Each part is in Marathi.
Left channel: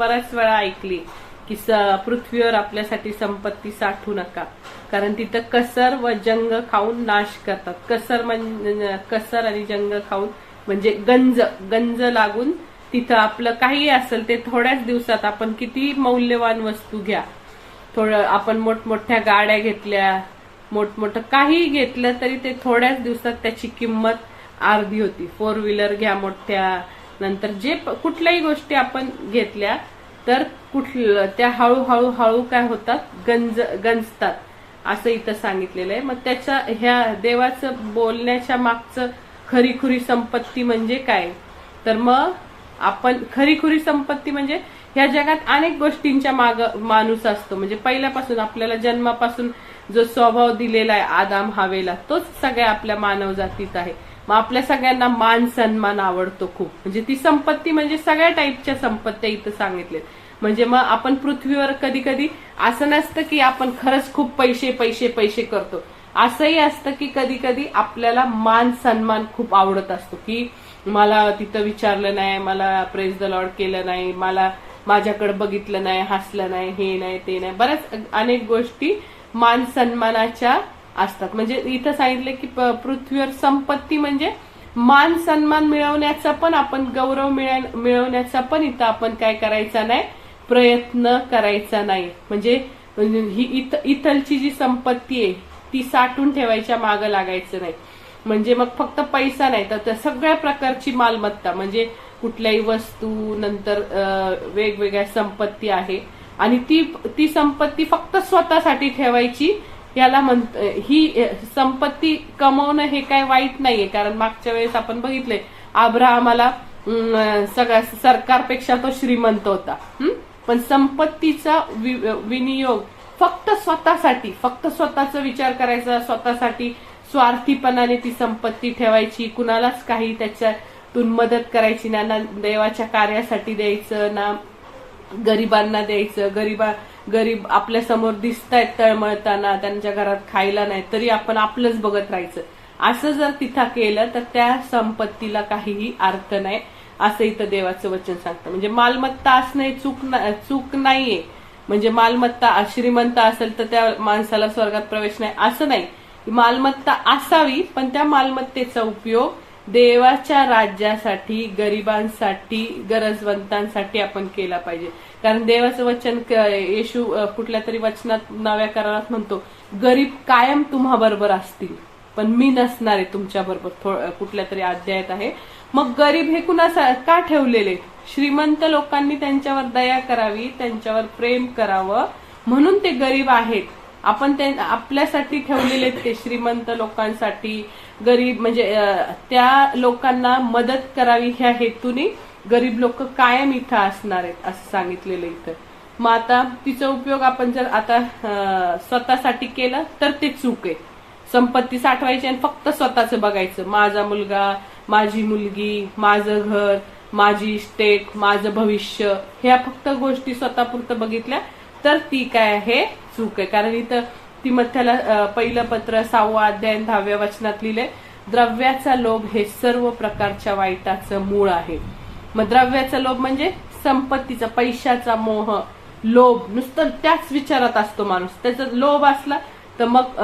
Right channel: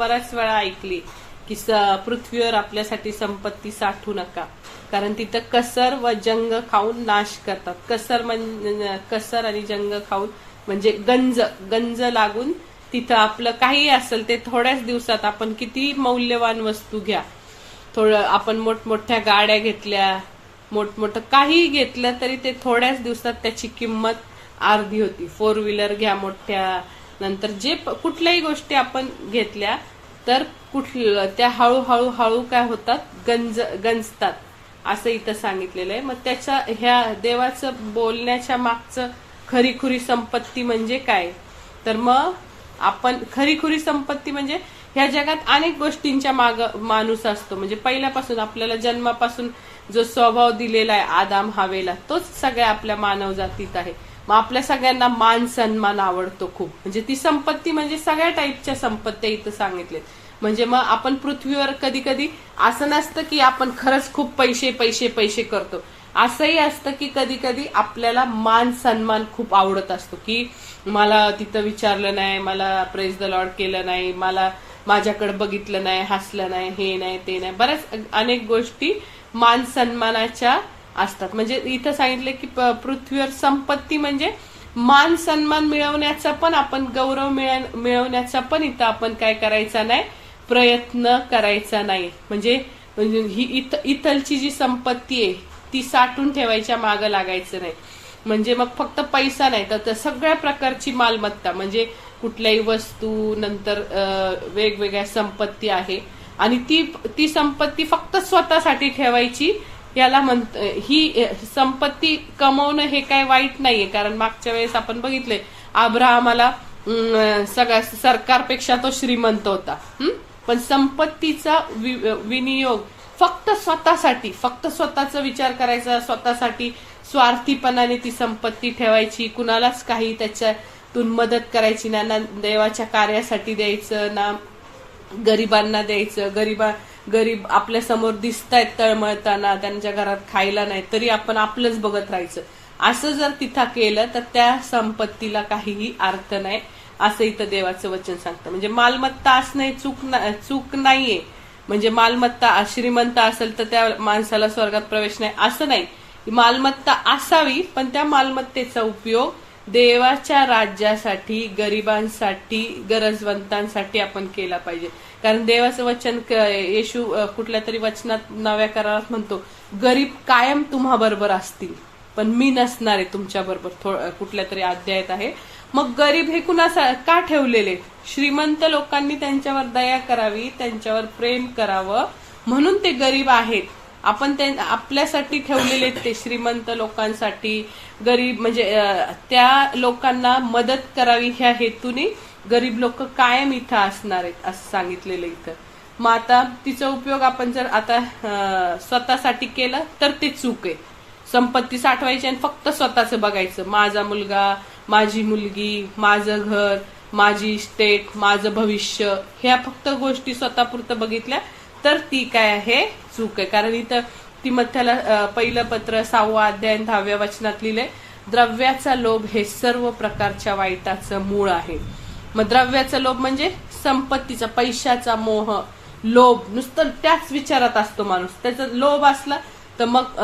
बऱ्याच वेळा ऐकली की पृथ्वीवर आपल्यासाठी संपत्ती साठवू नका, कारण तिथं कसर व जंग खाऊन नाश करतात. कसर आणि जंग खाऊन म्हणजे गंज लागून तिथं आपलं काही असेल ते थोड्याच दिवसात, आपण किती मौल्यवान वस्तू घ्या, थोडं आपण मोठमोठ्या गाड्या घेतल्या, मोठमोठं काही घेतलं तरी ते थोड्याच दिवसात त्याची किंमत अर्धी होती. 4 व्हीलर घ्या मोठ्या, नंतर जे कुठल्याही गोष्टी आपण घेतल्या तर त्या हळूहळू काय होतात, गंजतात असं इथं सांगितलेलं आहे. मग त्याच्या ह्या देवाचं बोलण्याच्या मागचं खरीखुरी संपत्ती म्हणजे काय, तर मग आपण खरीखुरी संपत्ती म्हणजे ह्या जगात अनेक गोष्टींच्या माग माणूस असतो. म्हणजे पहिल्यापासून आपल्याला जन्मापासून जो स्वभाव दिलेला आहे आदाम हवेला, तोच सगळ्या आपल्या मानव जातीत आहे. मग आपल्या सगळ्यांना मान सन्मान आवडतो खूप. म्हणजे ती संपत्ती म्हणजे सगळ्या टाईपच्या संपत्त्या इथं सांगितलेत. म्हणजे मग आपण पृथ्वीवर कधी कधी असं नसतं की आपण खरंच खूप पैसे पैसे पैसे करतो. असंही असतं की कधी कधी आपल्याला मान सन्मान खूप आवडत असतो, की मला तिथं विचारलं नाही, मला प्रेज द लॉर्ड केलं नाही, मला माझ्याकडे बघितलं नाही, हसलं नाही, हे नाही ते नाही, बऱ्याच अनेक गोष्टी मान सन्मानाच्या असतात. म्हणजे इथं सांगितले की पृथ्वीवर संपत्ती म्हणजे मान सन्मान मिळवण्याचा पण, आपण गौरव मिळवण्याचा पण इथं आपण काय करायचा नाही, प्रयत्न करायचा नाही. म्हणजे ही इथलची जी संपत्ती आहे ती साठवून ठेवायच्या मागं लागायचं नाही. म्हणजे मग फक्त पैसा नाही तर सगळ्या प्रकारची मालमत्ता, म्हणजे कुठल्याही वस्तू, नंतर वेगवेगळ्या संपत्ती आहे, आणि ती संपत्ती फक्त स्वतःसाठी ठेवायची. याला ही संपत्ती कमवणं हे काय वाईट नाहीये, कारण मागच्या वेळेस आपण बघितले अब्राहमाला सगळ्या सरकारपेक्षा तो श्रीमंत होता, पण संपत्तीचा विनियोग फक्त स्वतःसाठी, फक्त स्वतःचा विचार करायचा, स्वतःसाठी स्वार्थीपणाने ती संपत्ती ठेवायची, कुणालाच काही त्याच्यातून मदत करायची ना देवाच्या कार्यासाठी द्यायचं, ना गरिबांना द्यायचं. गरीब आपल्या समोर दिसतायत तळमळताना, त्यांच्या घरात खायला नाही तरी आपण आपलंच बघत राहायचं. असं जर तिथं केलं तर त्या संपत्तीला काहीही अर्थ नाही, असं इथं देवाचं वचन सांगतं. म्हणजे मालमत्ता असणे चूक नाहीये. म्हणजे मालमत्ता श्रीमंत असेल तर त्या माणसाला स्वर्गात प्रवेश नाही असं नाही. मालमत्ता असावी, पण त्या मालमत्तेचा उपयोग देवाच्या राज्यासाठी, गरिबांसाठी, गरजवंतांसाठी आपण केला पाहिजे. कारण देवाचं वचन येशू कुठल्या तरी वचनात नव्या करारात म्हणतो, गरीब कायम तुम्हा बरोबर असतील पण मी नसणार आहे तुमच्या बरोबर, कुठल्या तरी अध्यायात आहे. मग गरीब हे कुणा का ठेवलेले, श्रीमंत लोकांनी त्यांच्यावर दया करावी, त्यांच्यावर प्रेम करावं म्हणून ते गरीब आहेत. आपण आपल्यासाठी ठेवलेले ते श्रीमंत लोकांसाठी, गरीब म्हणजे त्या लोकांना मदत करावी ह्या हेतूने गरीब लोक कायम इथं असणार आहेत असं सांगितलेलं इथं. मग आता तिचा उपयोग आपण जर आता स्वतःसाठी केलं तर ते चूक आहे. संपत्ती साठवायची आणि फक्त स्वतःच बघायचं, माझा मुलगा, माझी मुलगी, माझं घर, माझी इस्टेट, माझं भविष्य, ह्या फक्त गोष्टी स्वतःपुरतं बघितल्या तर ती काय आहे, चूक आहे. कारण इथं तिमोथेला पहिलं पत्र 6वा अध्याय 10व्या वचनात लिहिले, द्रव्याचा लोभ हे सर्व प्रकारच्या वाईटाचं मूळ आहे. मग द्रव्याचा लोभ म्हणजे संपत्तीचा, पैशाचा मोह, लोभ, नुसतं त्याच विचारात असतो माणूस. त्याचा लोभ असला तर मग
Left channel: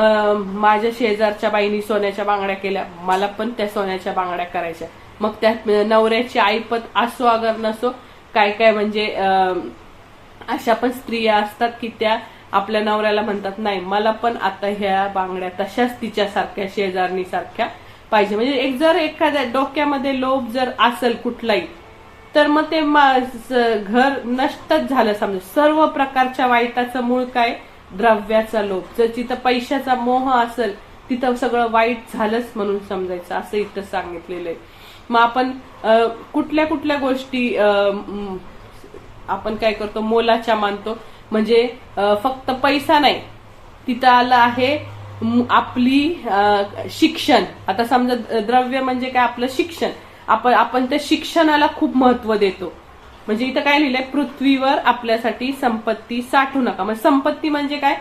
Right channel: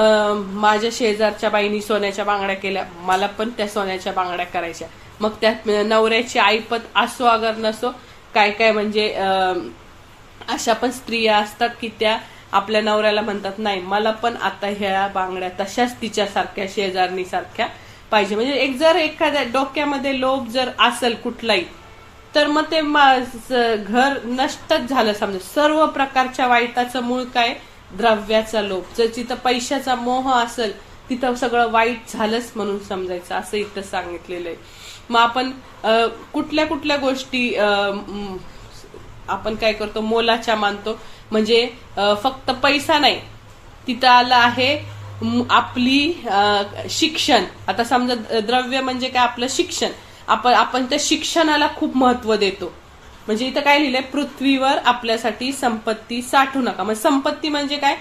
माझ्या शेजारच्या बाईनी सोन्याच्या बांगड्या केल्या, मला पण त्या सोन्याच्या बांगड्या करायच्या. मग त्या नवऱ्याची ऐपत असो अगर नसो, काय काय म्हणजे अशा पण स्त्रिया असतात की त्या आपल्या नवऱ्याला म्हणतात, नाही मला पण आता ह्या बांगड्या तशाच तिच्यासारख्या शेजारणी सारख्या पाहिजे. म्हणजे जर एखाद्या डोक्यामध्ये लोभ जर असेल कुठलाही, तर मग ते घर नष्टच झालं समजा. सर्व प्रकारच्या वाईटाचं मूळ काय, द्रव्याचा लोभ. जर तिथं पैशाचा मोह असेल तिथं सगळं वाईट झालंच म्हणून समजायचं, असं इथं सांगितलेलं आहे. मग आपण कुठल्या कुठल्या गोष्टी आपण काय करतो, मोलाच्या मानतो. म्हणजे फक्त पैसा नाही, तिथं आलं आहे आपली शिक्षण. आता समजा द्रव्य म्हणजे काय, आपलं शिक्षण. आपण त्या शिक्षणाला खूप महत्व देतो. म्हणजे इथं काय लिहिलंय, पृथ्वीवर आपल्यासाठी संपत्ती साठवू नका. मग संपत्ती म्हणजे काय,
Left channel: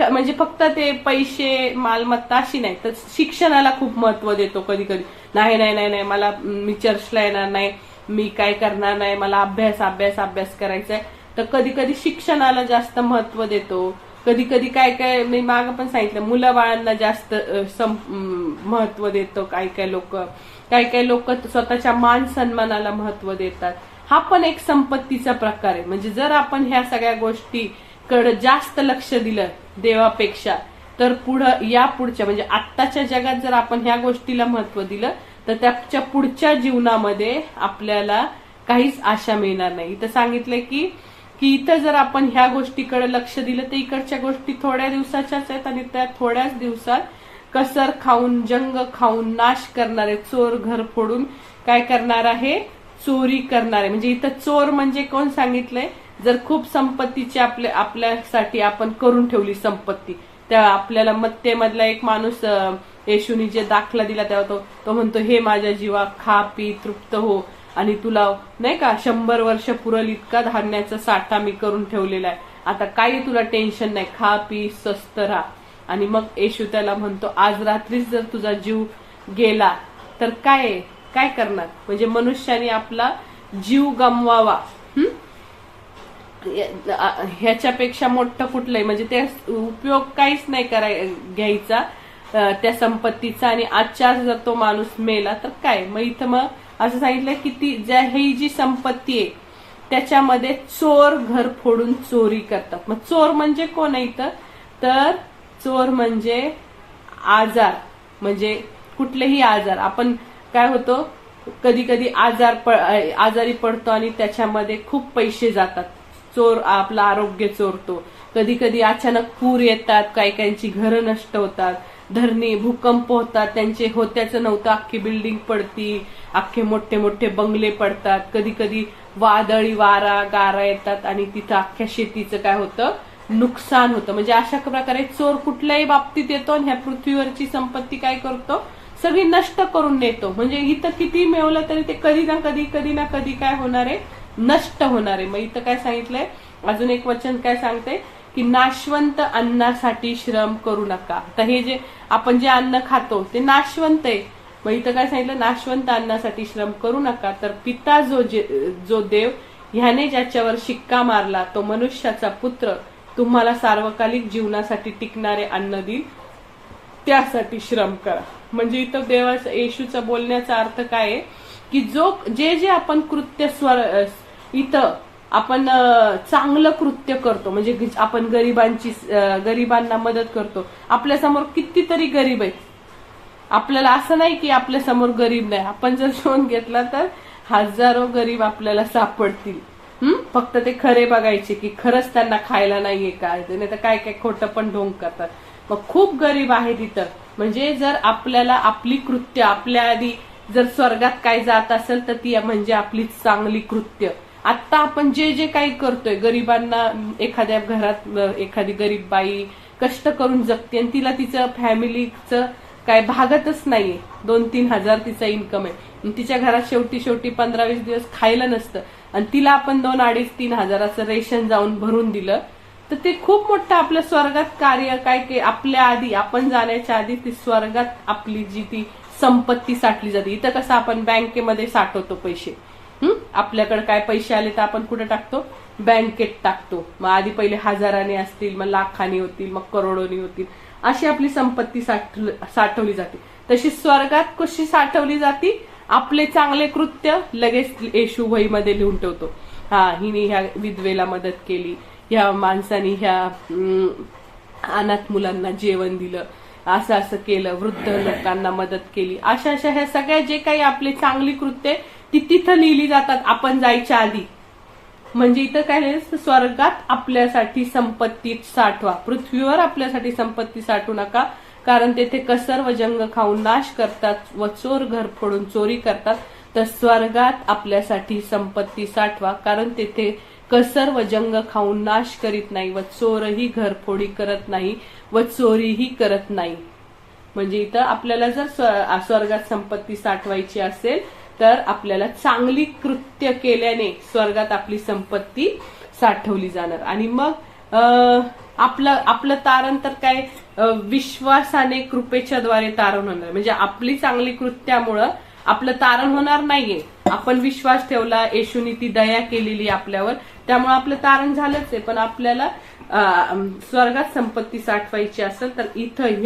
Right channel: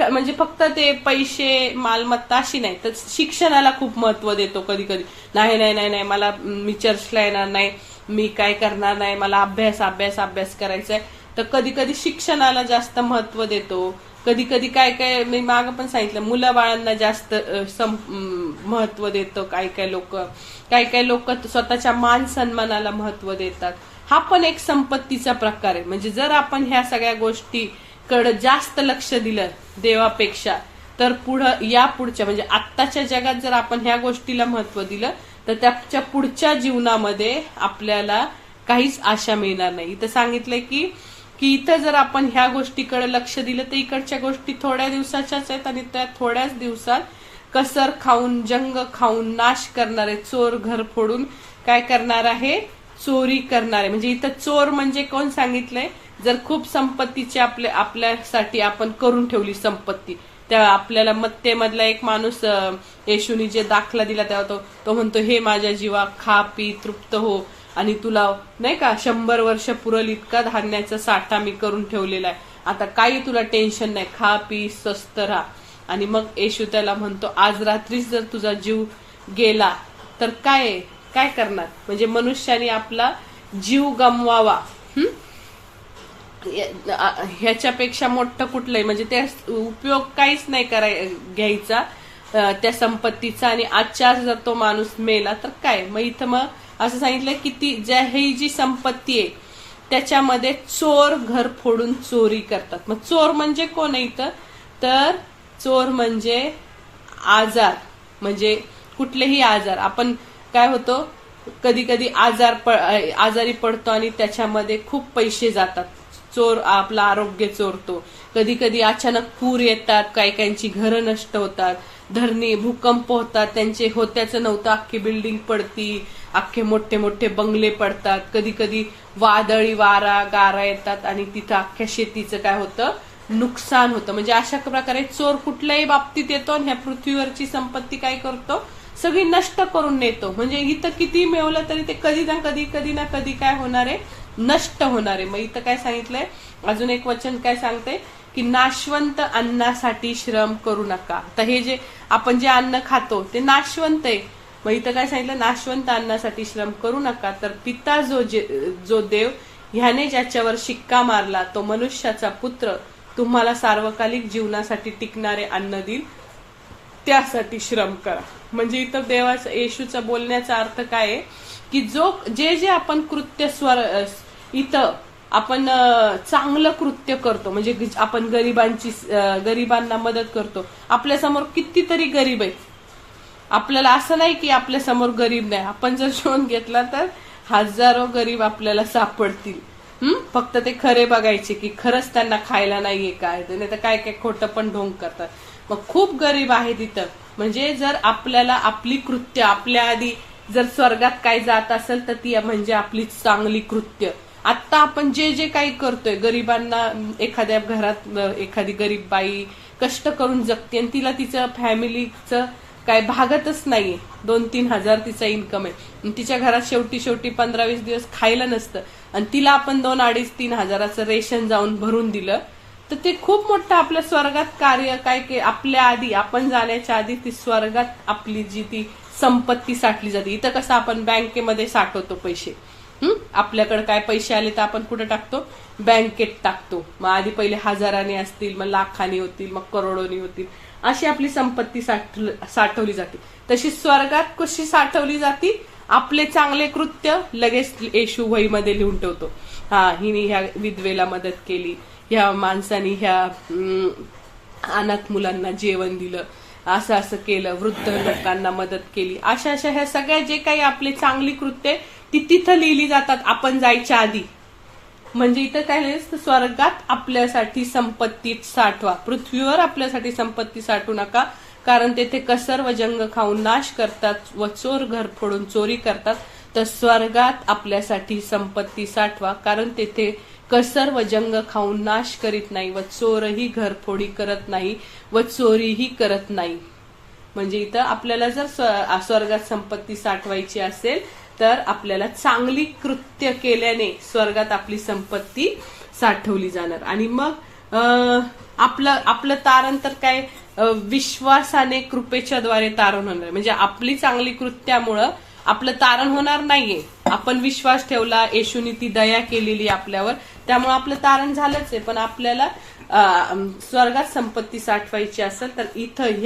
म्हणजे फक्त ते पैसे मालमत्ता अशी नाही, तर शिक्षणाला खूप महत्व देतो कधी कधी. नाही नाही नाही नाही मला मी चर्चला येणार नाही, मी काय करणार नाही, मला अभ्यास करायचा आहे. तर कधी कधी शिक्षणाला जास्त महत्व देतो, कधी कधी काय काय मी मागं पण सांगितलं मुलं बाळांना जास्त महत्व देतो, काय काय लोक स्वतःच्या मान सन्मानाला महत्व देतात. हा पण एक संपत्तीचा प्रकार आहे. म्हणजे जर आपण ह्या सगळ्या गोष्टीकडे जास्त लक्ष दिलं देवापेक्षा, तर पुढच्या म्हणजे आत्ताच्या जगात जर आपण ह्या गोष्टीला महत्व दिलं तर त्याच्या पुढच्या जीवनामध्ये आपल्याला काहीच आशा मिळणार नाही. इथं सांगितलंय की इथं जर आपण ह्या गोष्टीकडे लक्ष दिलं तर इकडच्या गोष्टी थोड्या दिवसाच्याच आहेत आणि त्या थोड्याच दिवसात कसर खाऊन जंग खाऊन नाश करणारे चोर घर फोडून काय करणार आहे, चोरी करणारे. म्हणजे इथं चोर म्हणजे कोण सांगितलंय, जर खूप संपत्तीची आपल्यासाठी आपण करून ठेवली संपत्ती, त्या आपल्याला मत्तेमधला एक माणूस येशूनी जे दाखला दिला तेव्हा तो म्हणतो, हे माझ्या जीवा खा पी तृप्त हो आणि तुला नाही का 100 वर्ष पुरल इतका धान्याचा साठा मी करून ठेवलेला आहे, आता काही तुला टेन्शन नाही, खा पी स्वस्त राहा. आणि मग येशू त्याला म्हणतो, आज रात्रीच जर तुझा जीव गेला तर काय करणार. म्हणजे मनुष्याने आपला जीव गमवावा, ह्याच्यापेक्षा मोठं कुठलंय म्हणजे त्या उपयोग काहीच नाही घ्यायचा त्या संपत्तीचा. आणि आजच्या जर तो माणूस मेला तर काय. मग इथं मग असं सांगितलं की ही जी संपत्ती आहे त्याच्यामध्ये चोर घर फोडून चोरी करतात. मग चोर म्हणजे कोण आहे इथं, तर चोर म्हणजे आजार, म्हणजे कुठलेही आजार. आपण काय होतो कधी कधी आजारी पडतो आणि त्याच्यामध्ये खूप पैसे जातात, चोर आपलं आरोग्य चोरतो. कधी कधी अचानक पूर येतात, काहींची घरं नष्ट होतात, धरणी भूकंप होतात, त्यांचे होत्याचं नव्हतं अख्खी बिल्डिंग पडती, अख्खे मोठे मोठे बंगले पडतात. कधी कधी वादळी गारा येतात आणि तिथं अख्ख्या शेतीचं काय होतं, नुकसान होतं. म्हणजे अशा प्रकारे चोर कुठल्याही बाबतीत येतो आणि ह्या पृथ्वीवरची संपत्ती काय करतो, सगळी नष्ट करून नेतो. म्हणजे इथं किती मिळवलं तरी ते कधी ना कधी काय होणार आहे, नष्ट होणार आहे. मग इथं काय सांगितलंय, अजून एक वचन काय सांगते की नाशवंत अन्नासाठी श्रम करू नका. तर हे जे आपण जे अन्न खातो ते नाशवंत आहे. मग इथं काय सांगितलं, नाशवंत अन्नासाठी श्रम करू नका, तर पिता जो देव ह्याने ज्याच्यावर शिक्का मारला तो मनुष्याचा पुत्र तुम्हाला सार्वकालिक जीवनासाठी टिकणारे अन्न देईल, त्यासाठी श्रम करा. म्हणजे इथं देवाचा येशूचा बोलण्याचा अर्थ काय आहे की जे आपण कृत्य इथं आपण चांगलं कृत्य करतो, म्हणजे आपण गरिबांना मदत करतो. आपल्यासमोर कितीतरी गरीब आहेत, आपल्याला असं नाही की आपल्या समोर गरीब नाही. आपण जर शोध घेतला तर हजारो गरीब आपल्याला सापडतील. फक्त ते खरे बघायचे की खरंच त्यांना खायला नाहीये काय, नाही तर काय खोटं पण ढोंग करतात. मग खूप गरीब आहे तिथं. म्हणजे जर आपल्याला आपली कृत्य आपल्या आधी जर स्वर्गात काय जात असेल तर ती म्हणजे आपली चांगली कृत्य. आता आपण जे काही करतोय, गरिबांना एखाद्या घरात एखादी गरीब बाई कष्ट करून जगते आणि तिला तिचं फॅमिलीचं काय भागतच नाहीये, 2-3 हजार तिचा इन्कम आहे, तिच्या घरात शेवटी 15-20 दिवस खायला नसतं आणि तिला आपण 2-2.5-3 हजाराचं रेशन जाऊन भरून दिलं तर ते खूप मोठं आपल्या स्वर्गात कार्य काय आपल्या आधी आपण जाण्याच्या आधी ती स्वर्गात आपली जी ती संपत्ती साठली जाते. इथं कसं आपण बँकेमध्ये साठवतो पैसे, आपल्याकडे काय पैसे आले तर आपण कुठे टाकतो, बँकेत टाकतो. मग आधी पहिले हजाराने असतील, मग लाखांनी होतील, मग करोडोनी होतील, अशी आपली संपत्ती साठवली जाते. तशी स्वर्गात कशी साठवली जाते, आपले चांगले कृत्य लगेच येशू वहीमध्ये लिहून ठेवतो. हिने ह्या विधवेला मदत केली, ह्या माणसाने ह्या अनाथ मुलांना जेवण दिलं, असं केलं, वृद्ध लोकांना मदत केली, अशा ह्या सगळ्या जे काही आपले चांगली कृत्य ती तिथं लिहिली जातात आपण जायच्या आधी. म्हणजे इथं काय स्वर्गात आपल्यासाठी संपत्ती साठवा, पृथ्वीवर आपल्यासाठी संपत्ती साठवू नका, कारण तेथे कसर व जंग खाऊन नाश करतात व चोर घर फोडून चोरी करतात. तर स्वर्गात आपल्यासाठी संपत्ती साठवा, कारण तेथे कसर व जंग खाऊन नाश करीत नाही व चोरही घरफोडी करत नाही व चोरीही करत नाही. म्हणजे इथं आपल्याला जर स्वर्गात संपत्ती साठवायची असेल तर आपल्याला चांगली कृत्य केल्याने स्वर्गात आपली संपत्ती साठवली जाणार. आणि मग आपलं तारण तर काय, विश्वासाने कृपेच्या द्वारे तारण होणार. म्हणजे आपली चांगली कृत्यामुळं आपलं तारण होणार नाहीये. आपण विश्वास ठेवला, येशूनी ती दया केलेली आपल्यावर, त्यामुळे आपलं तारण झालंच आहे. पण आपल्याला स्वर्गात संपत्ती साठवायची असेल तर इथं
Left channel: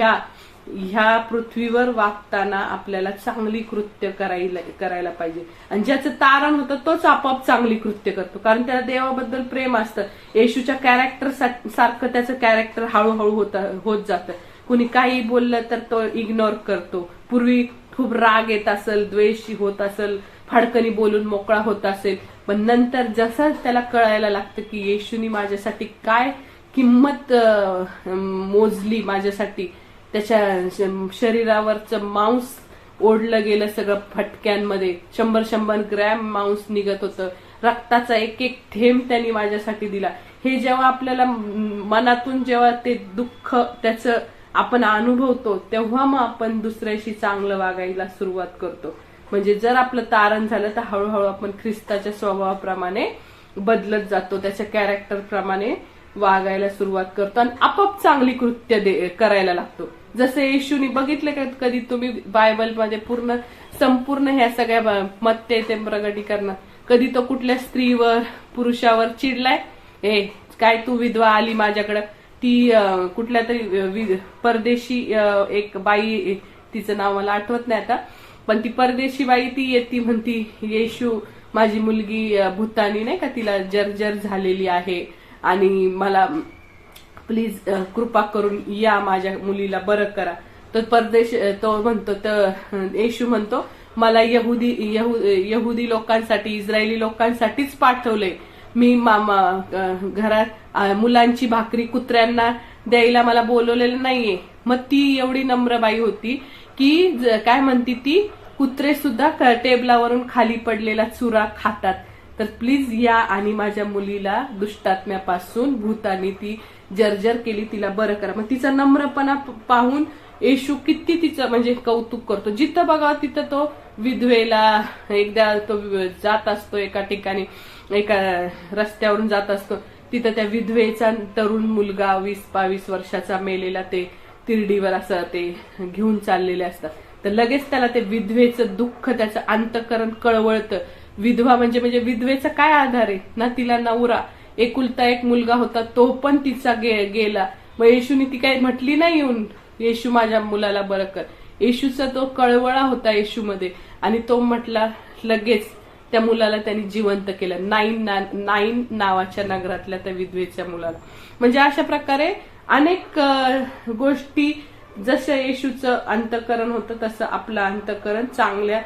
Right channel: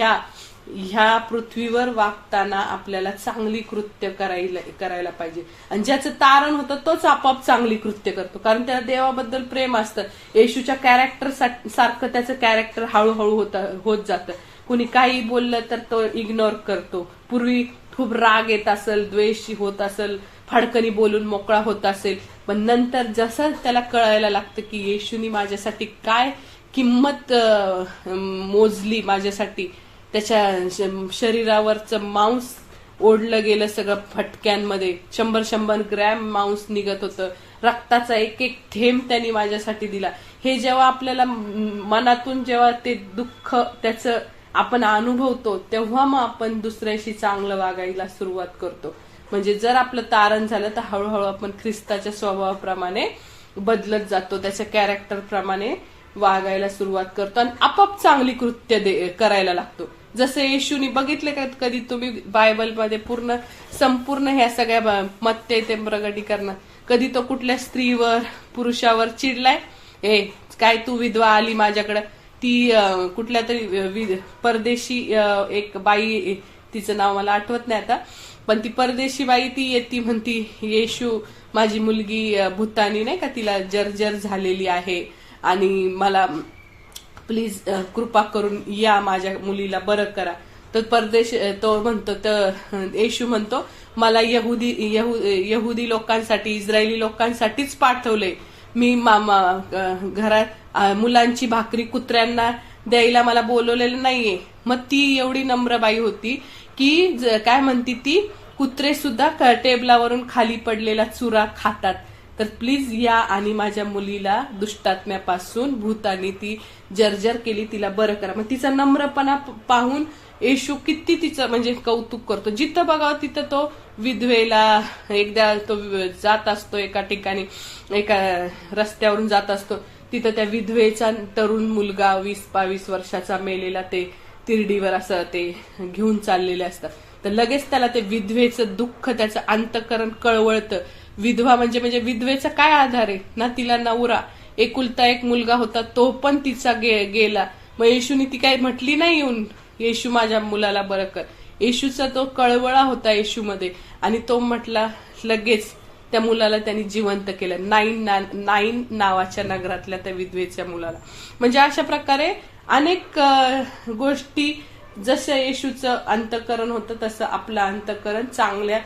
ह्या पृथ्वीवर वागताना आपल्याला चांगली कृत्य करायला पाहिजे. आणि ज्याचं तारण होतं तोच आपोआप चांगली कृत्य करतो, कारण त्याला देवाबद्दल प्रेम असतं. येशूच्या कॅरेक्टर सारखं त्याचं कॅरेक्टर हळूहळू होत जातं. कुणी काही बोललं तर तो इग्नोर करतो. पूर्वी खूप राग येत असेल, द्वेष होत असेल, फाडकनी बोलून मोकळा होत असेल, पण नंतर जसं त्याला कळायला लागतं की येशूनी माझ्यासाठी काय किंमत मोजली, माझ्यासाठी त्याच्या शरीरावरचं मांस ओढलं गेलं सगळं फटक्यांमध्ये, 100 ग्रॅम मांस निघत होतं, रक्ताचा एक एक थेंब त्यांनी माझ्यासाठी दिला. हे जेव्हा आपल्याला मनातून जेव्हा ते दुःख त्याचं आपण अनुभवतो, तेव्हा मग आपण दुसऱ्याशी चांगलं वागायला सुरुवात करतो. म्हणजे जर आपलं तारण झालं तर हळूहळू आपण ख्रिस्ताच्या स्वभावाप्रमाणे बदलत जातो, त्याच्या कॅरेक्टर प्रमाणे वागायला सुरुवात करतो आणि आपोआप चांगली कृत्य करायला लागतो. जसं येशूनी बघितलं का कधी तुम्ही बायबलमध्ये संपूर्ण ह्या सगळ्या मत्ते ते प्रगटीकरण, कधी तो कुठल्या स्त्रीवर पुरुषावर चिडलाय? काय तू विधवा आली माझ्याकडं? ती कुठल्या तरी परदेशी एक बाई, तिचं नाव मला आठवत नाही आता, पण ती परदेशी बाई ती येते म्हणती, येशू माझी मुलगी भूतानी नाही का, तिला जर्जर झालेली आहे आणि मला प्लीज कृपा करून या, माझ्या मुलीला बरं करा. तर तो म्हणतो, तर येशू म्हणतो, मला यहुदी लोकांसाठी, इस्रायली लोकांसाठीच पाठवलंय. मी घरात मुलांची भाकरी कुत्र्यांना द्यायला मला बोलवलेलं नाहीये. मग ती एवढी नम्र बाई होती की काय म्हणती ती, कुत्रे सुद्धा टेबलावरून खाली पडलेला चुरा खातात, तर प्लीज या आणि माझ्या मुलीला दुष्टात्म्यापासून, भूतानी ती जर्जर केली, तिला बरं करा. मग तिचा नम्रपणा पाहून येशू किती तिचं म्हणजे कौतुक करतो. जिथं बघावं तिथं तो विधवेला, एकदा तो जात असतो एका ठिकाणी, एका रस्त्यावरून जात असतो, तिथं त्या विधवेचा तरुण मुलगा 20-22 वर्षाचा मेलेला ते तिरडीवर असं ते घेऊन चाललेले असतात. तर लगेच त्याला ते विधवेचं दुःख, त्याचं अंतःकरण कळवळतं. विधवा म्हणजे विधवेचा काय आधार आहे ना, तिला नवरा, एकुलता एक मुलगा होता, तो पण तिचा गेला. मग येशूनी ती काही म्हटली नाही येऊन, येशू माझ्या मुलाला बरं कर. येशूचा तो कळवळा होता येशूमध्ये, आणि तो म्हटला लगेच त्या मुलाला त्यांनी जिवंत केलं, नाईन नावाच्या नगरातल्या त्या विधवेच्या मुलाला. म्हणजे अशा प्रकारे अनेक गोष्टी, जसं येशूचं अंतःकरण होतं तसं आपलं अंतःकरण चांगल्या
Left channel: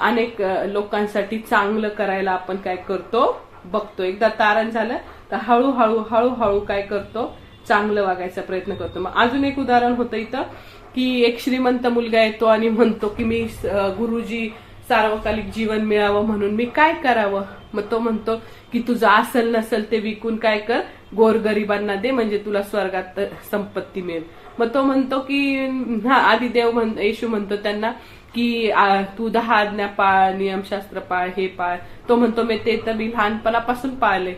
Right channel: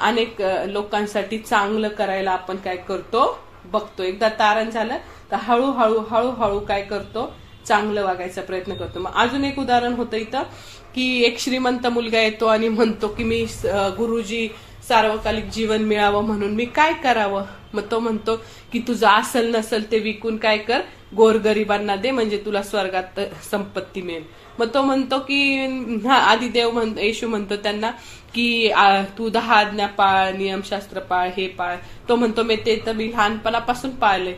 अनेक लोकांसाठी चांगलं करायला आपण काय करतो बघतो. एकदा तारण झालं तर हळूहळू काय करतो, चांगलं वागायचा प्रयत्न करतो. मग अजून एक उदाहरण होतं इथं की एक श्रीमंत मुलगा येतो आणि म्हणतो की मी गुरुजी सार्वकालिक जीवन मिळावं म्हणून मी काय करावं? मग तो म्हणतो की तुझं असल नसल ते विकून काय कर, गोरगरिबांना दे, म्हणजे तुला स्वर्गात संपत्ती मिळेल. मग तो म्हणतो की आधी येशू म्हणतो त्यांना की तू 10 आज्ञा पाळ, नियमशास्त्र पाळ, हे पाळ. तो म्हणतो मी लहानपणापासून पाळले,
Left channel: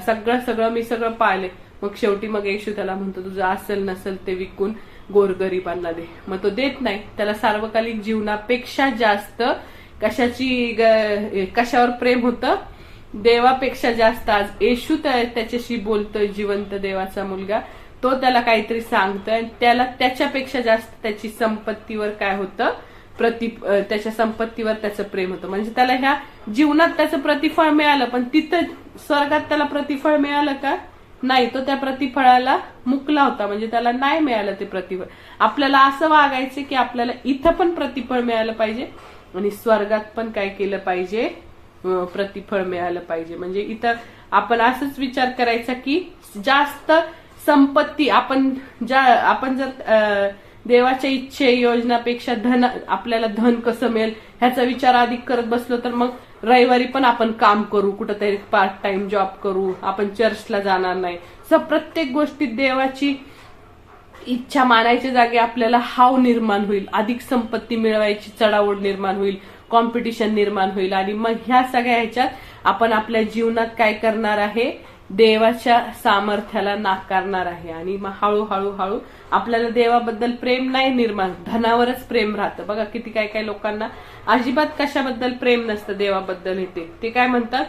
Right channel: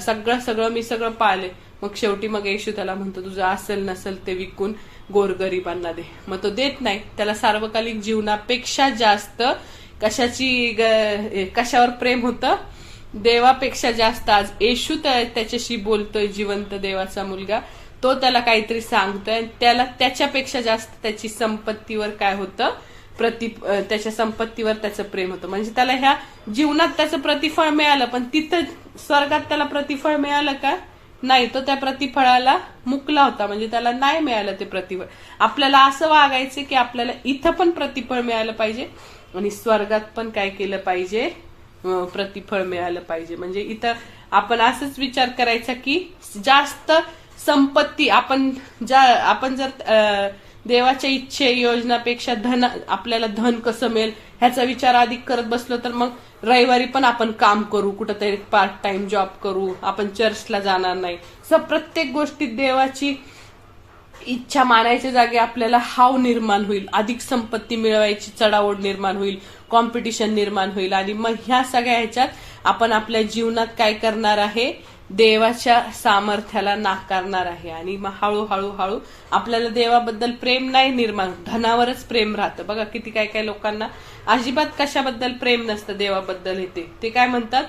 सगळं मी पाळले. मग शेवटी येशू त्याला म्हणतो तुझं असल नसल ते विकून गोरगरिबांना दे. मग तो देत नाही. त्याला सार्वकालिक जीवनापेक्षा जास्त कशावर प्रेम होतं? देवापेक्षा जास्त. आज येशू त्याच्याशी बोलतोय, जिवंत देवाचा मुलगा. तो त्याला काहीतरी सांगतोय, त्याला त्याच्यापेक्षा जास्त त्याची संपत्तीवर काय होतं, त्याच्या संपत्तीवर त्याचं प्रेम होतं. म्हणजे त्याला ह्या जीवनात त्याचं प्रतिफळ मिळालं, पण तिथं स्वर्गात त्याला प्रतिफळ मिळालं का? नाही. तो त्या प्रतिफळाला मुकला होता, म्हणजे त्याला नाही मिळालं ते प्रतिफळ. आपल्याला असं वागायचं की आपल्याला इथं पण प्रतिफळ मिळालं पाहिजे आणि स्वर्गात पण काय केलं पाहिजे, प्रतिफळ मिळालं पाहिजे. म्हणजे इथं आपण असंच विचार करायचा की जास्त संपत्ती आपण जर देवाच्या इच्छे योजनापेक्षा आपल्याला धन कसं मिळेल ह्याचा विचार अधिक करत बसलो तर मग रविवारी पण आपण काम करू, कुठंतरी पार्ट टाइम जॉब करू, आपण चर्चला जाणार नाही. प्रत्येक गोष्टीत देवाची इच्छा मानायच्या जागी आपल्याला हाव निर्माण होईल, अधिक संपत्ती मिळवायची चढाओढ निर्माण होईल, कॉम्पिटिशन निर्माण होईल. आणि मग ह्या सगळ्या ह्याच्यात आपण आपल्या जीवनात काय करणार आहे, देवाच्या सामर्थ्याला नाकारणार आहे. आणि मग हळूहळू आपल्याला देवाबद्दल प्रेम नाही निर्माण, धनावरच प्रेम राहतं. बघा किती काय लोकांना अजिबात कशाबद्दल प्रेम नसतं, देवाबद्दल. ते काय म्हणतात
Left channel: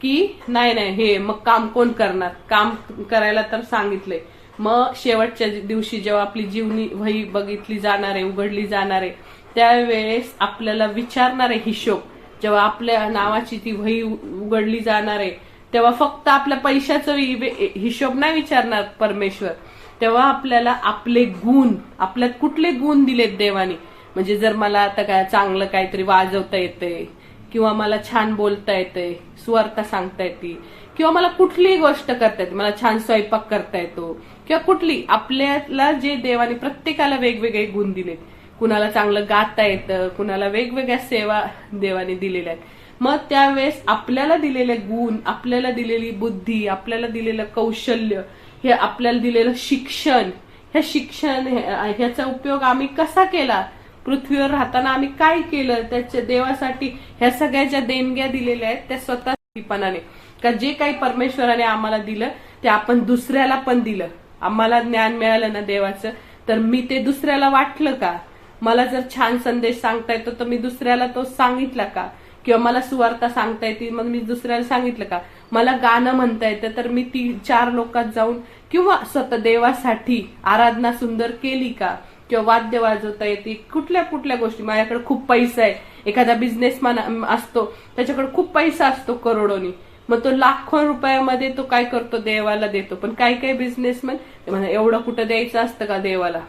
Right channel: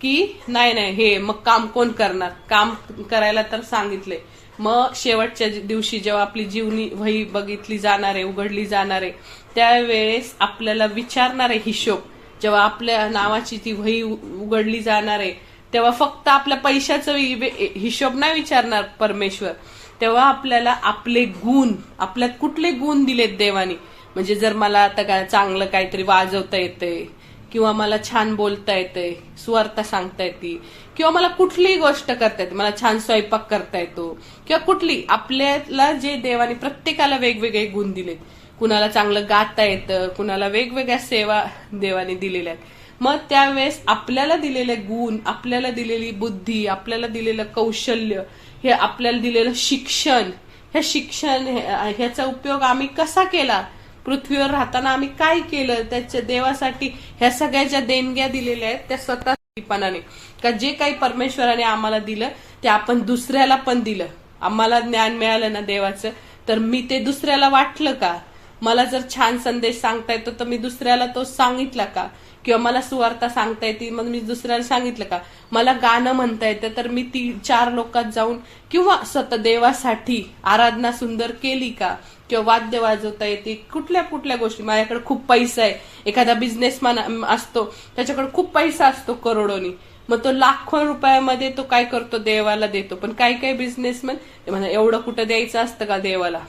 की नाही नाही हे मग काम कोण करणार, काम करायला तर सांगितलंय. मग शेवटच्या दिवशी जेव्हा आपली जीवनी वही बघितली जाणार आहे, उघडली जाणार आहे, त्यावेळेस आपल्याला विचारणार आहे हिशोब. जेव्हा आपल्या नावाची ती वही उघडली जाणार आहे तेव्हा फक्त आपल्या पैशाचा हिशोब नाही विचारणार परमेश्वर. तेव्हा आपल्याला आपले गुण, आपल्यात कुठले गुण दिलेत देवाने. म्हणजे जर मला आता काय चांगलं काहीतरी वाजवता येतंय, किंवा मला छान बोलता येतंय, सुवार्ता सांगता येते, किंवा मला कुठलीही गोष्ट करता येते, मला छान स्वयंपाक करता येतो, किंवा कुठली आपल्याला जे देवाने प्रत्येकाला वेगवेगळे गुण दिलेत. कुणाला चांगलं गाता येतं, कुणाला वेगवेगळ्या सेवा देवाने दिलेल्या आहेत. मग त्यावेळेस आपल्याला दिलेले गुण, आपल्याला दिलेली बुद्धी, आपल्याला दिलेलं कौशल्य, हे आपल्याला दिलेलं शिक्षण, हे शिक्षण ह्याचा उपयोग आम्ही कसा केला, पृथ्वीवर राहताना आम्ही काय केलं त्याच्या देवासाठी, ह्या सगळ्या ज्या देणग्या दिलेल्या आहेत त्या स्वतःपणाने, का जे काही परमेश्वराने आम्हाला दिलं ते आपण दुसऱ्याला पण दिलं. आम्हाला ज्ञान मिळालं ना देवाचं, तर मी ते दुसऱ्याला वाटलं का? मला जर छान संदेश सांगता येतो तर मी दुसऱ्याला तो सांगितला का? किंवा मला सुवार्ता सांगता येते मग मी दुसऱ्याला सांगितलं का? मला गाणं म्हणता येतं तर मी ती 4 लोकात जाऊन किंवा स्वतः देवासाठी आराधना सुंदर केली का? किंवा वाद्य वाजवता येते, कुठल्या कुठल्या गोष्टी. माझ्याकडे खूप पैसा आहे, एखादा बिझनेसमॅन असतो त्याच्याकडे खूप पैसा असतो करोडोनी, मग तो लाखो रुपयामध्ये तो काय करतो, देवाला देतो. पण काही काही बिझनेसमॅन म्हणजे एवढं कुठं द्यायचं असतं का देवाला,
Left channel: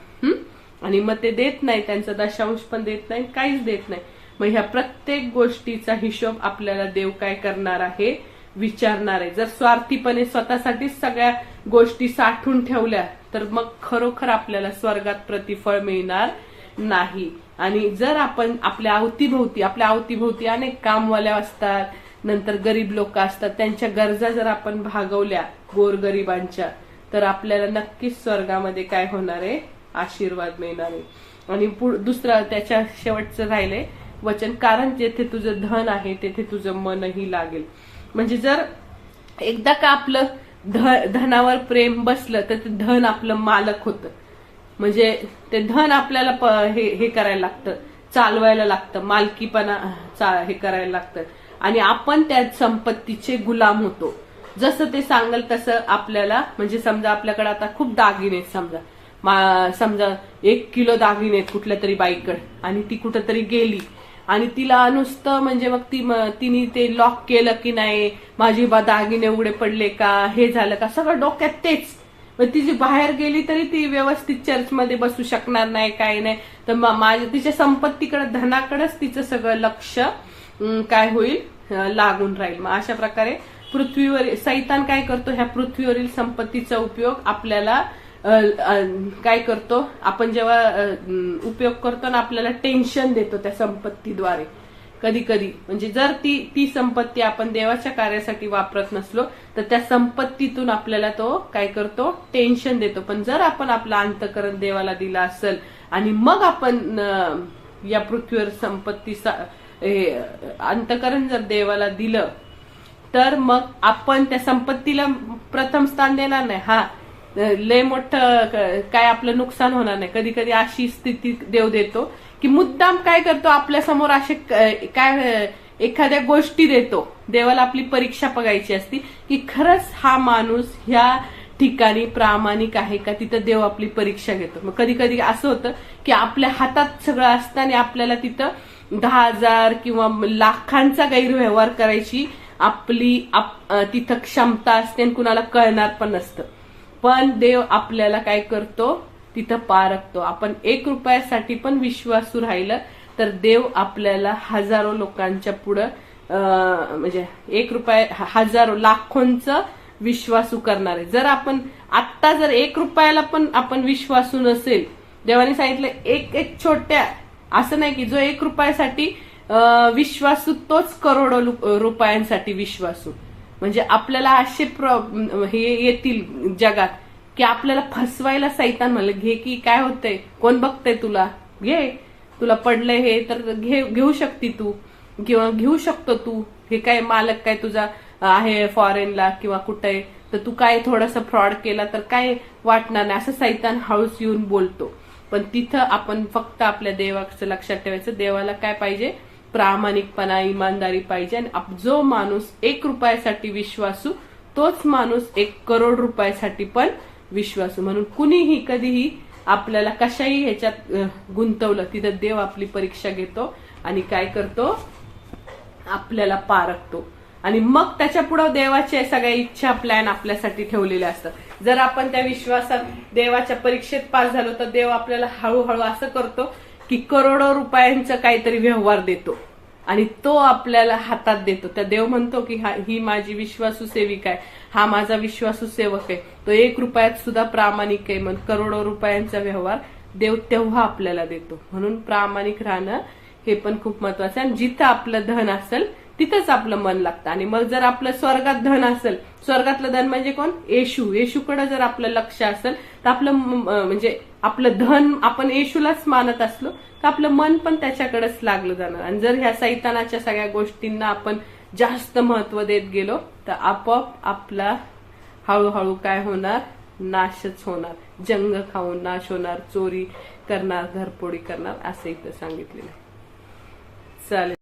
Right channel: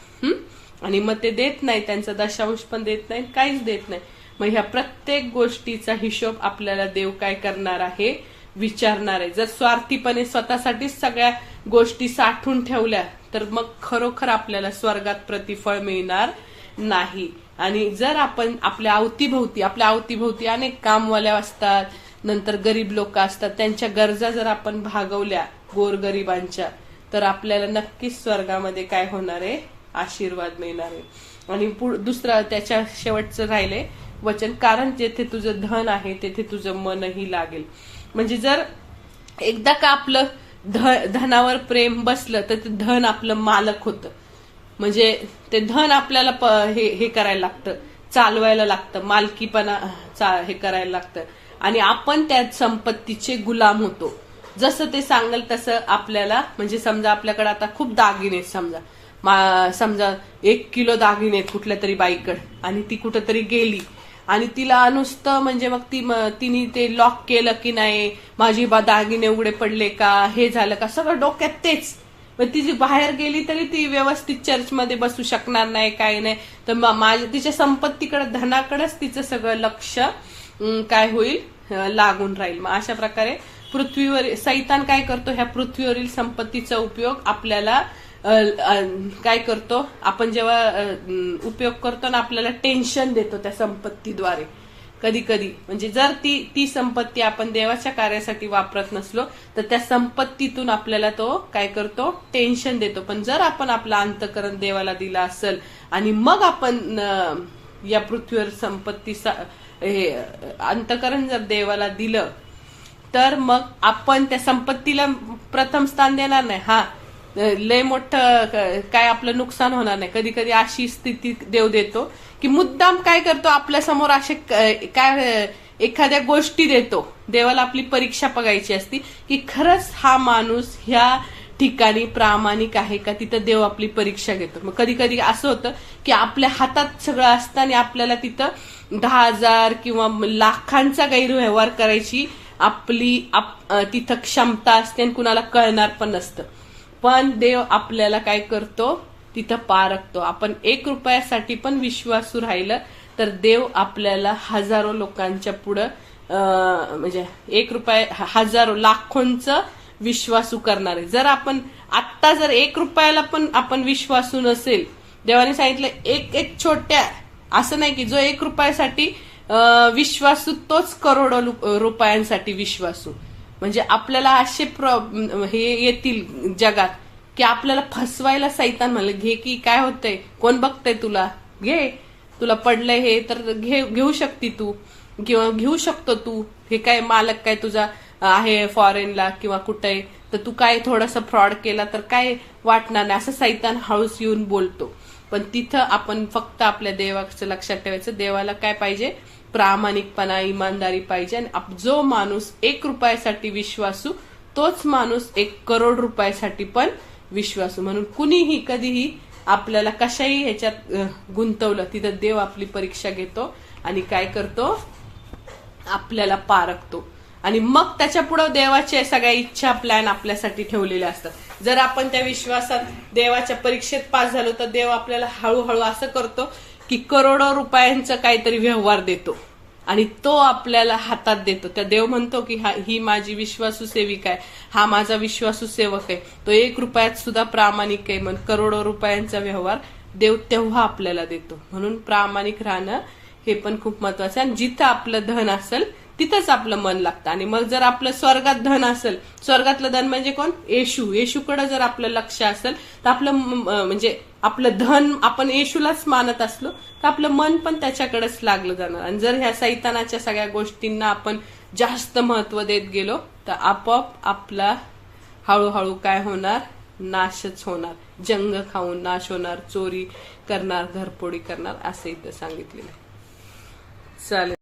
आणि मग ते देत नाही, त्यांचा दशांश पण देत नाही, काहीच देत नाही. मग ह्या प्रत्येक गोष्टीचा हिशोब आपल्याला देव काय करणार आहे, विचारणार आहे. जर स्वार्थीपणे स्वतःसाठीच सगळ्या गोष्टी साठवून ठेवल्या तर मग खरोखर आपल्याला स्वर्गात प्रतिफळ मिळणार नाही. आणि जर आपण आपल्या अवतीभोवती अनेक कामवाल्या असतात, नंतर गरीब लोक असतात, त्यांच्या गरजा जर आपण भागवल्या गोरगरिबांच्या, तर आपल्याला नक्कीच स्वर्गामध्ये काय होणार आहे, आशीर्वाद मिळणार आहे. आणि दुसरं त्याच्या शेवटचं राहिलंय वचन, कारण जेथे तुझं धन आहे तेथे तुझं मनही लागेल. म्हणजे जर एकदा का आपलं धनावर प्रेम बसलं तर ते धन आपलं मालक होतं. म्हणजे ते धन आपल्याला हे करायला लागतं, चालवायला लागतं, मालकीपणा हे करायला लागतं, आणि आपण त्या संपत्तीचे गुलाम होतो. जसं ते सांगल तसं आपल्याला, म्हणजे समजा आपल्याकडे आता खूप दागिने, समजा 1 किलो दागिने आहेत कुठल्या तरी बाईकडे, आणि ती कुठंतरी गेली आणि तिला नुसतं म्हणजे मग तिने ते लॉक केलं की नाही, माझी दागिने उघडे पडले का, हे झालं का, सगळं डोक्यात तेच. मग ती जी बाहेर गेली तरी ती व्यवस्थित चर्चमध्ये बसू शकणार नाही, काही नाही. तर तिच्या संपत्तीकडे, धनाकडेच तिचं सगळं लक्ष काय होईल, लागून राहील. मग अशा प्रकारे पृथ्वीवर सैतान काय करतो, ह्या पृथ्वीवरील संपत्तीचा उपयोग आपल्याला काय करतो, आपण जेव्हा उपयोग करतो ना, आपल्याला टेन्शन देतो त्या संपत्तीद्वारे कधी कधी. म्हणजे जर ती संपत्ती आपण देवाच्या कार्यासाठी वापरत नसलो तर त्या संपत्तीतून आपल्याला तो काय करतो, टेन्शन देतो. पण जर आपण आपलं अंतःकरण देवाला दिलं असेल आणि मग आपण या पृथ्वीवर संपत्ती अंतःकरण जर देवाला दिलं तर मग आपण त्या संपत्तीला प्रथम स्थान देणार नाही. हा लय मोठं काय आपलं नुकसान होणार नाही. कधी कधी अशी स्थिती देव देतो की मुद्दाम काय करतो, आपल्या समोर असे काय एखाद्या गोष्टी देतो. देवाला आपली परीक्षा बघायची असती की खरंच हा माणूस ह्या ठिकाणी प्रामाणिक आहे का, तिथं देव आपली परीक्षा घेतो. मग कधी कधी असं होतं की आपल्या हातात सगळं असतं आणि आपल्याला तिथं 10,000 किंवा लाखांचा गैरव्यवहार करायची आपली तिथं क्षमता असते आणि कुणाला कळणार पण नसतं. पण देव आपल्याला काय करतो, तिथं पारखतो. आपण 1 रुपयासाठी पण विश्वासू राहिलं तर देव आपल्याला हजारो लोकांच्या पुढं म्हणजे 1 रुपया हजारो लाखोंचं विश्वासू करणार आहे. जर आपण आत्ता जर 1 रुपयाला पण आपण विश्वासू नसेल, देवाने सांगितलं एक छोट्या, असं नाही की जो 1 रुपयासाठी विश्वासू तोच करोडो रुपयांसाठी विश्वासू. म्हणजे आपल्याला असे हे येतील जगात की आपल्याला फसवायला सैतान म्हणलं, घे की काय होतंय, कोण बघतंय तुला, घे, तुला पडलंय हे तर घेऊ शकती तू, किंवा घेऊ शकतो तू, हे काय मालक काय तुझा आहे फॉरेनला किंवा कुठे, तर तू काय थोडंसं फ्रॉड केला तर काय वाटणार नाही, असं सैतान हळूच येऊन बोलतो. पण तिथं आपण फक्त आपल्या देवाचं लक्षात ठेवायचं. देवाला काय पाहिजे, प्रामाणिकपणा, इमानदारी पाहिजे. आणि जो माणूस 1 रुपयासाठी विश्वासू, तोच माणूस 1 करोड रुपयासाठी पण विश्वासू. म्हणून कुणीही कधीही आपल्याला कशाही ह्याच्यात गुंतवलं, तिथं देव आपली परीक्षा घेतो आणि काय करतो, आपल्याला पारखतो. आणि मग त्याच्या पुढे देवाच्या सगळ्या इच्छा, प्लॅन आपल्यासाठी ठेवलेल्या असतात. जर आपण त्या विश्वासात देवाच्या परीक्षेत पास झालो, तर देव आपल्याला हळूहळू असं करतो की करोडो रुपयांचं काहीतरी व्यवहार देतो आणि तो आपल्याला हातात देतो. त्या देव म्हणतो की ही माझी विश्वासू सेविका आहे, हा माझा विश्वासू सेवक आहे, तो 1 रुपयात सुद्धा प्रामाणिक आहे. म्हणून करोडो रुपयांचा व्यवहार देव तेव्हा आपल्याला देतो. म्हणून प्रामाणिक राहणं हे पण खूप महत्वाचं आहे. आणि जिथं आपलं धन असेल तिथंच आपलं मन लागतं. आणि मग जर आपलं स्वर्गात धन असेल, स्वर्गातलं धन म्हणजे कोण, येशूकडे जर आपलं लक्ष असेल, तर आपलं म्हणजे आपलं धन आपण येशूलाच मानत असलो तर आपलं मन पण त्याच्याकडेच लागलं जाणार. आणि जर ह्या सैतानाच्या सगळ्या गोष्टींना आपण जास्त महत्व देत गेलो तर आपोआप आपला हळूहळू काय होणार, नाशच होणार. जंग खाऊन नाश होणार, चोरी करणार, घरफोडी करणार, असं इथं सांगितलेलं. चालेल.